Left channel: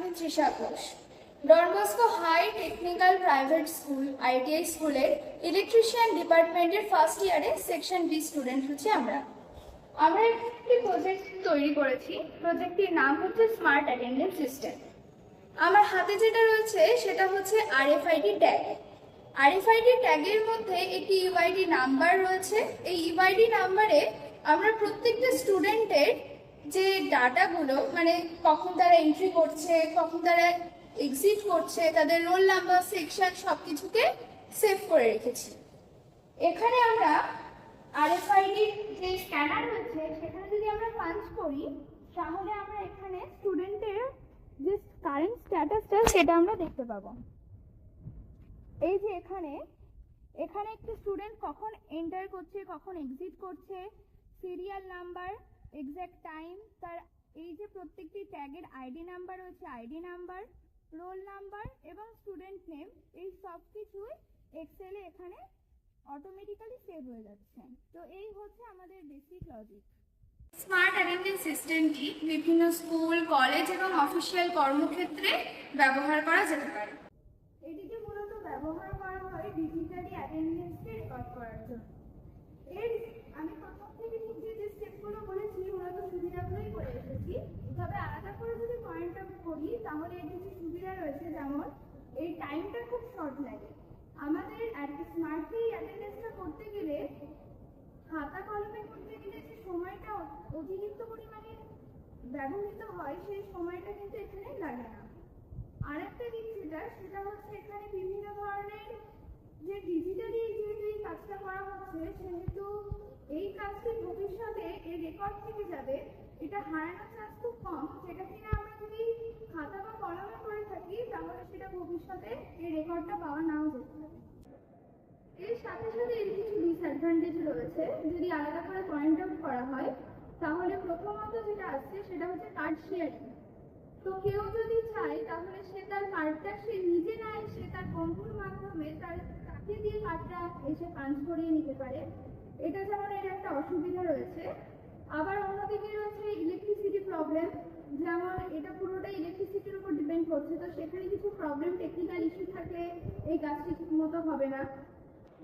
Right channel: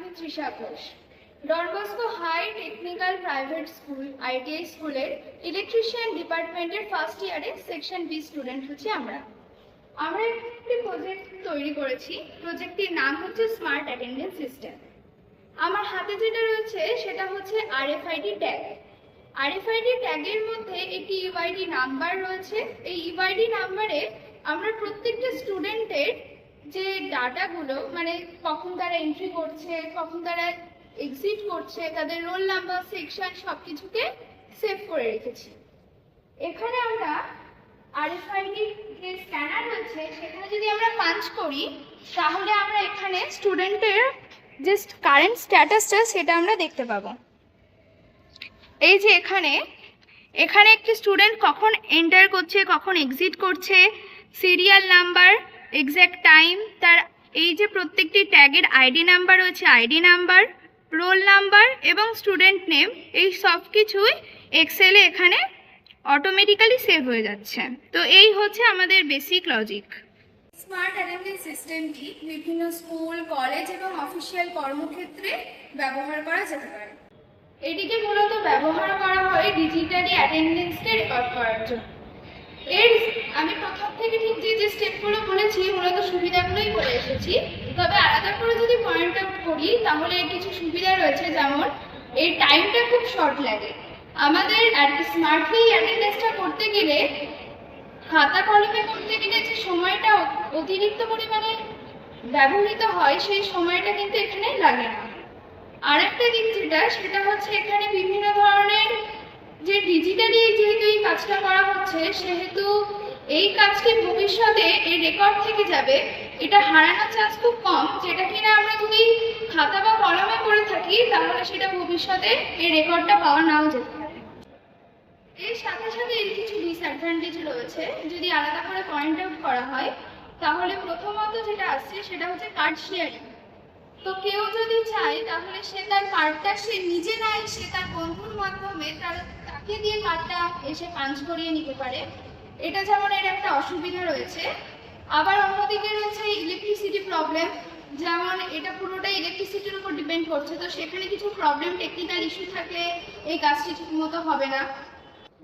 আমি Trisha Ghosh. Don Bosco high technical private school ITI স্কুলের electrician ডিপার্টমেন্টের ফার্স্ট ইয়ারে সেকশন বি স্টুডেন্ট হচ্ছে আমরা একটি প্রজেক্ট তৈরি করেছি। প্রজেক্টটির নাম হচ্ছে স্মার্ট অ্যাটেন্ডেন্স সিস্টেম। আমার হাতে যেটা রয়েছে সেটা হচ্ছে আরএফআইডি ট্যাগ। আরএফআইডি ট্যাগের মধ্যে একটি ইউআইডি নাম্বার রয়েছে। এই ইউআইডি নাম্বারে আমরা প্রত্যেকটা স্টুডেন্টের যে ডাটাগুলো, মানে কখন তারা এন্ট্রি করছে, কখন তারা এক্সিট করছে, তাদের রোল নাম্বার, সেকশন সব কিছুকে সেভ করে রেখেছি। এখানে আমরা আরএফআইডি যে স্ক্যানার রয়েছে সেখানে যদি আমরা পাঞ্চ করি তাহলে আমরা এখানে স্টুডেন্টের যে কারেন্ট স্ট্যাটাসটা সেটা আমরা দেখতে পাবো। এই যে এখানে একটি স্টুডেন্ট কখন এন্টার করছে, কখন এক্সিট করছে, সিরিয়াল নাম্বার, এক্স্যাক্ট টাইম, তার এই যে প্রত্যেকটি ট্যাগের আইডি নাম্বার রয়েছে, আইডি নাম্বার, রোল নাম্বার এবং স্টুডেন্ট নেম, এই সব কিছুই এক্সেলে এখানে অটোমেটিক্যালি সেভ হয়ে যাচ্ছে। তো এই হচ্ছে আমাদের বেসিক লজিক। স্মার্ট অ্যাটেন্ডেন্স সিস্টেমটি বিভিন্ন স্কুল, কলেজ এবং অফিসিয়াল কর্মক্ষেত্রে ব্যবহার করা যেতে পারে। এটিকে মূলত ব্যবহার করা হয় ডিজিটালি অ্যাটেন্ডেন্সকে রেকর্ড করার জন্য। আমি প্রথম থেকে ঠিক যে স্টেপগুলো বলেছি মূলত সুবিধাগুলোই বলে এসেছি, তবে আলাদা করে যদি পয়েন্ট আউট করি তাহলে কিছু সুবিধা রয়েছে, যেমন এই টাইমটা খুব শর্ট লাগে। আমাদের স্মার্টলি অ্যাটেন্ডেন্সটা করতে গেলে, খাতা কলমে করতে গেলে যে সময়টা অতিরিক্ত পরিমাণে ব্যবহৃত হয় সেই সময়টা কিন্তু এখানে লাগে না। আরেকটা দিক সেটা হচ্ছে এখানে বিভিন্ন ধরনের যে ডিজিটালি যেহেতু এই কাজটা করা হচ্ছে, সেহেতু এই কাজকে ভবিষ্যতে এই রেকর্ড থেকে যাবে, এটা হারানোর চান্স খুব কম। যেটা কিনা আমরা যদি খাতা বা কলমে করে থাকি তাহলে সেটা ভবিষ্যতে এই রেকর্ডটা পাওয়া নাও যেতে পারে। এর সাথে সাথে এর কিছু ডিসঅ্যাডভান্টেজ রয়েছে। যদি আলাদা করে পয়েন্ট আউট করা হয় তাহলে প্রথমত যেটা আসছে সেটা হচ্ছে কার্ড শেয়ারিং। তো কেউ যদি চায় তাহলে সে তার কার্ডটা সে নিজে না এসে তার বন্ধুর মাধ্যমে তাকে দিয়ে কার্ডটা এসে পাঞ্চ করিয়ে নিতে পারে। এটা যেমন এর একটা অসুবিধা রয়েছে। আবার অন্যদিকে রয়েছে ইলেকট্রিসিটি প্রবলেম, যেমন এটা পুরোটাই ইলেকট্রিসিটির উপর ডিপেন্ড করছে। তো সেখানে কিছু প্রবলেম, টেকনিক্যাল ইস্যু থাকলে এই কাজটি ঠিকমতো হবে না।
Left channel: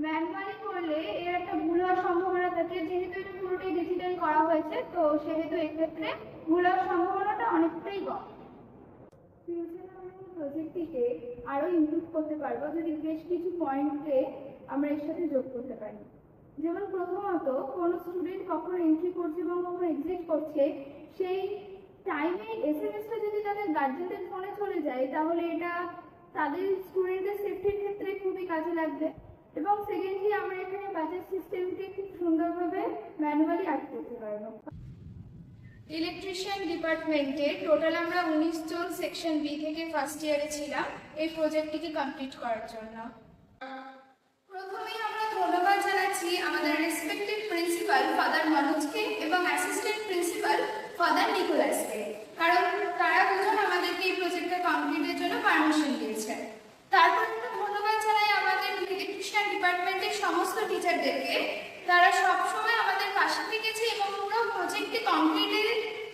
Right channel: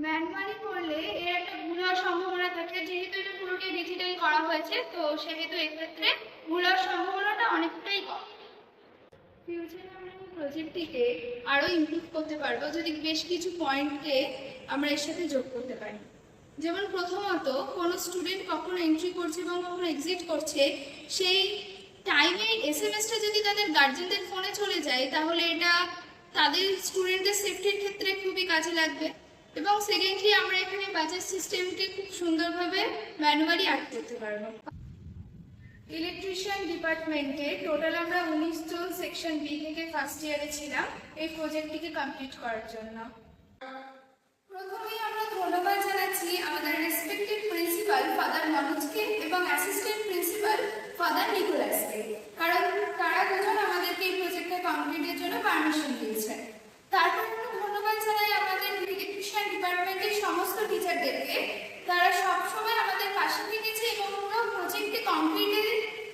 ম্যানুয়ালি করলে এর একটা ভুল হওয়ার সম্ভাবনা থাকে। যেহেতু এটা পুরোটাই ডিজিটাল করা হয়েছে তো সেহেতু এক্ষেত্রে ভুল হওয়ার সম্ভাবনাটা অনেকটাই কম। ফিউচারে আমরা এই প্রজেক্টটিকে আরও ইমপ্রুভ করতে পারবো যদি বেশ কিছু পয়েন্টকে আমরা এর সাথে যোগ করতে পারি। যেমন প্রথমত, কোনো স্টুডেন্ট কখন এন্ট্রি করছে এবং কখন এক্সিট করছে সেই টাইমে এসএমএসটা যদি তাদের গার্জেনদের ফোনে চলে যায় তাহলে এটা তাদের স্টুডেন্টদের সেফটির ক্ষেত্রে খুবই কাজে লাগবে। এবং সেকেন্ডলি আমরা এখানে বাজার সিস্টেমকে খুব সুন্দরভাবে ম্যানুয়ালি অ্যাড করতে পারবো। ইলেকট্রিশিয়ান ডিপার্টমেন্টে টোটাল আমরা 19 জন সেকশন বি থেকে ফার্স্ট ইয়ারে ছিলাম এই প্রজেক্টটিকে কমপ্লিট করার জন্য। প্রথমেই আমরা ধন্যবাদ জানাচ্ছি আমাদের রেসপেক্টেড প্রিন্সিপাল ফাদার মনোজকে এবং অ্যাসিস্ট্যান্ট প্রিন্সিপাল ফাদার নিকোলাসকে, কারণ তারা দুজন আমাদেরকে এই প্রজেক্টটা কমপ্লিটের জন্য পারমিশন দিয়েছেন। তারপর একটু ধন্যবাদ জানাই আমাদের ইলেকট্রিশিয়ান ডিপার্টমেন্টের সমস্ত টিচারদেরকে। তারা সবসময় আমাদের পাশে থেকেছে এবং পুরো প্রজেক্টটি কমপ্লিট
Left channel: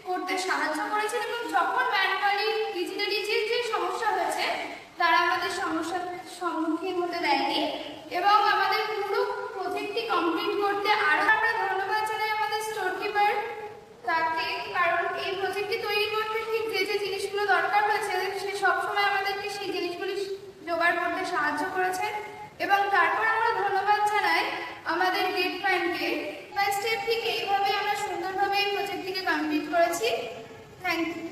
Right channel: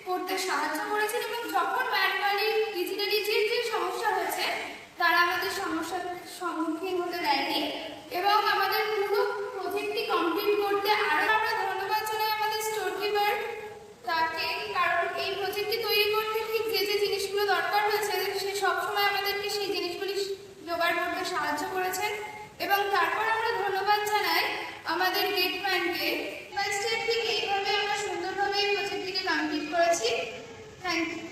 করতে সাহায্য করেছেন, এবং যখন ম্যানুয়ালি ডিজিটালি যে সমস্যা হয়েছে তারা আমাদের সমস্যার সম্মুখীন হতে দেয়নি এবং আমাদের পুরো প্রজেক্টটি কমপ্লিট করতে আরও আমরা ধন্যবাদ জানাই আমাদের স্টোর কিপার তাকে, কারণ এই প্রজেক্টটি তৈরি করতে ঠিক যে জিনিসগুলো দরকার হয়েছে সে সবসময় আমাদেরকে সেই জিনিসগুলি জোগাড় করতে সাহায্য করেছেন। এবং তারপর আমরা ধন্যবাদ জানাই আমাদের গেটম্যানকে। ফার্স্ট ইয়ার থেকে এইভাবে আমরা সুন্দরভাবে এই প্রজেক্টটিকে কমপ্লিট করেছি। Thank you.